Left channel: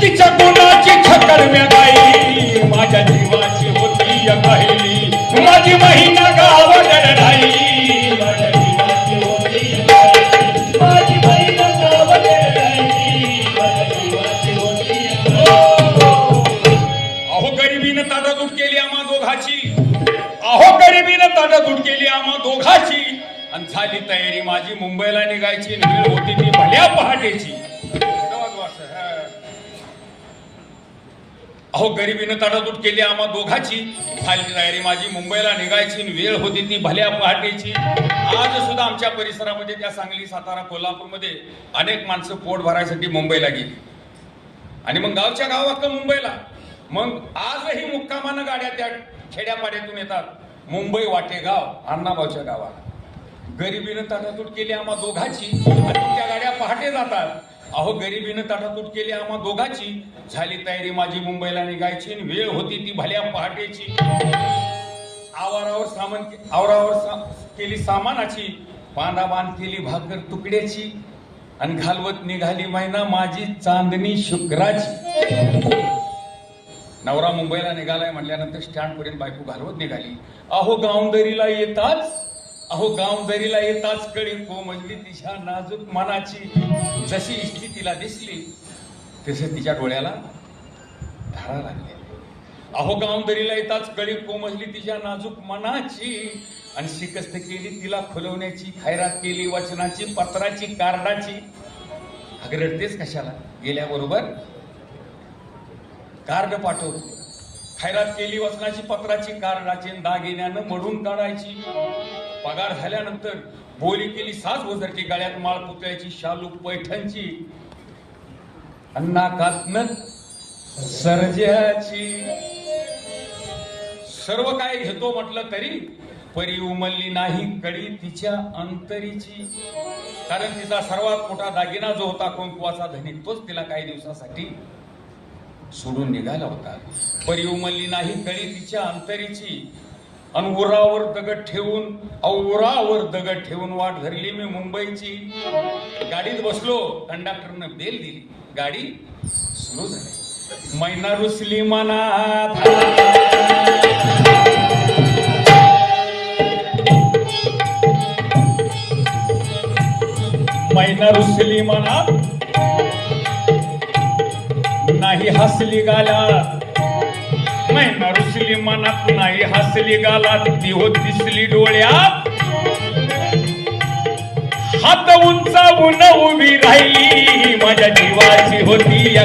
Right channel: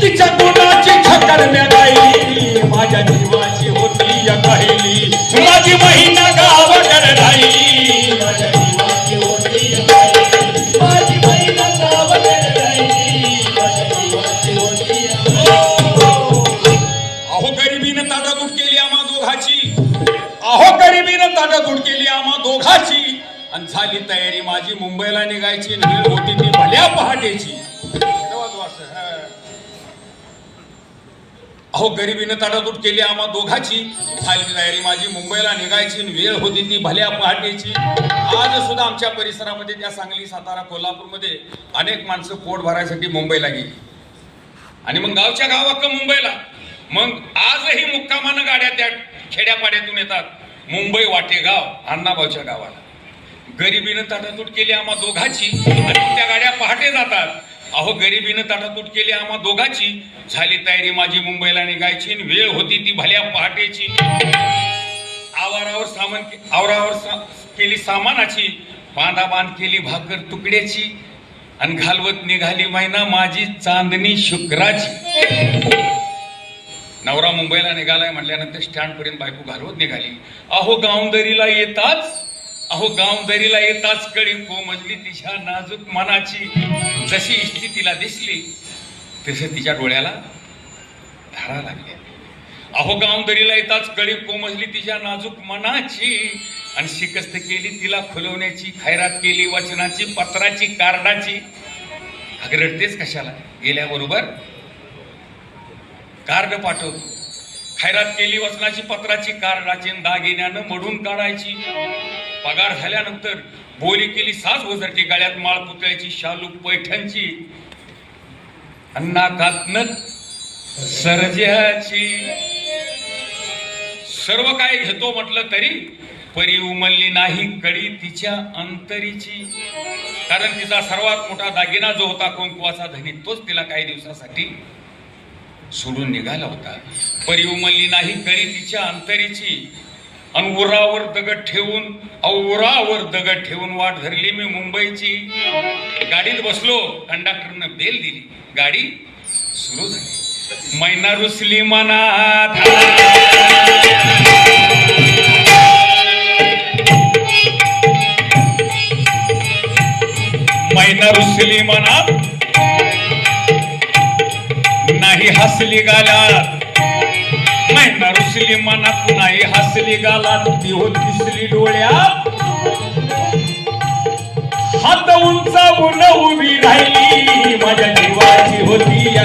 तिच्या गुणाची छकरण्या गायली, माझ्या जीवाची होती अकाहिली, माझी बहीण गाव दरडाई, माझ्या जीवाची होती अकाहिली, माझी बहीण गाव दरडाई, माझ्या जीवाची होती अकाहिली. अहो गरिबीनं ताटातूट केली आम्हा दोघाची, अहो गरिबीनं ताटातूट केली आम्हा दोघाची, आणि झाली तयारी माझी मुंबईला निघायची, वेळ होती ती भल्या पहाटेची. अहो गरिबीनं ताटातूट केली आम्हा दोघाची, झाली तयारी माझी मुंबईला निघायची, वेळ होती ती भल्या पहाटेची. आज सुद्धा आमच्या परिसरामध्ये त्या सांगली, सातारा, कोल्हापूरमध्ये अनेक माणसं पोट भरायसाठी मुंबईला गेली, आणि मग गावच्या गावाक मुंबईला. मग आजही मुक्कामानं गाड्या त्या खेड्यापाड्यातून येतात मुंबई वाटेगाव अण्णाभाऊच्या गावाला. गरिबीनं ताटातूट केली आम्हा दोघाची, आणि त्या गाड्या पहाटे जातात. अहो गरिबीनं ताटातूट केली आम्हा दोघाची, झाली तयारी माझी मुंबईला निघायची, वेळ होती ती भल्या पहाटेची. आवरावर केली सामानाची, बांधाबांध केली भाकर तुकड्याची, आणि घालवत निघाली मैना माझी चांदणी शुक्राची. नवरा मुंबईला निघालाय म्हणल्यानंतर स्टँड पर्यंत बायको घालवत निघाली. अहो गावदरीला येताच कळी कोमजली तिच्या नाजूक मनाची, जशी इष्टी तिला दिसली तसे तिच्या डोळ्याला धारा लागल्या. अहो गावदरीला येताच कळी कोमजली तिच्या नाजूक मनाची, आणि शिकस्त केली तिला खुलवण्याची, खैरात केली वचनाची, पत्राची, कार्डाची. अगं रडतेस कशाला, गेल्याबरोबर कार्ड पाठवतो. खैरात केली वचनाची, पत्राची, कार्डाची, दागिन्यानं मडून काढायची. पगार झाल्यानंतर बोली केली साज वजरची, गळ्यात माळ पुतळ्याची, शालू पैठणची, नाकातनं सर्जाची. सर्व काय घेतो म्हटलं तरी परी उमलली नाही कडी तिच्या अंतरीची, कारण तिचा सर्वात मोठा दागिना जो होता कुंकवाचा धनी, तोच तिला काही दिवसासाठी सोडून निघाला होता. परी उमलली नाही कडी तिच्या अंतरीची, आणि उरावर दगड ठेवून वाट धरली मी मुंबईची. गाडीत बसलो, कंडक्टरनं बेल दिली, गाडी सुरू झाली. मैना रुसली मनात, मैना रुसली मनात, नाही हसली गालात. मैना रुसली मनात, नाही हसली गालात, ती होत दिसली डोळ्यात. हात उंचावून उभी राहिली, माझ्या जीवाची होती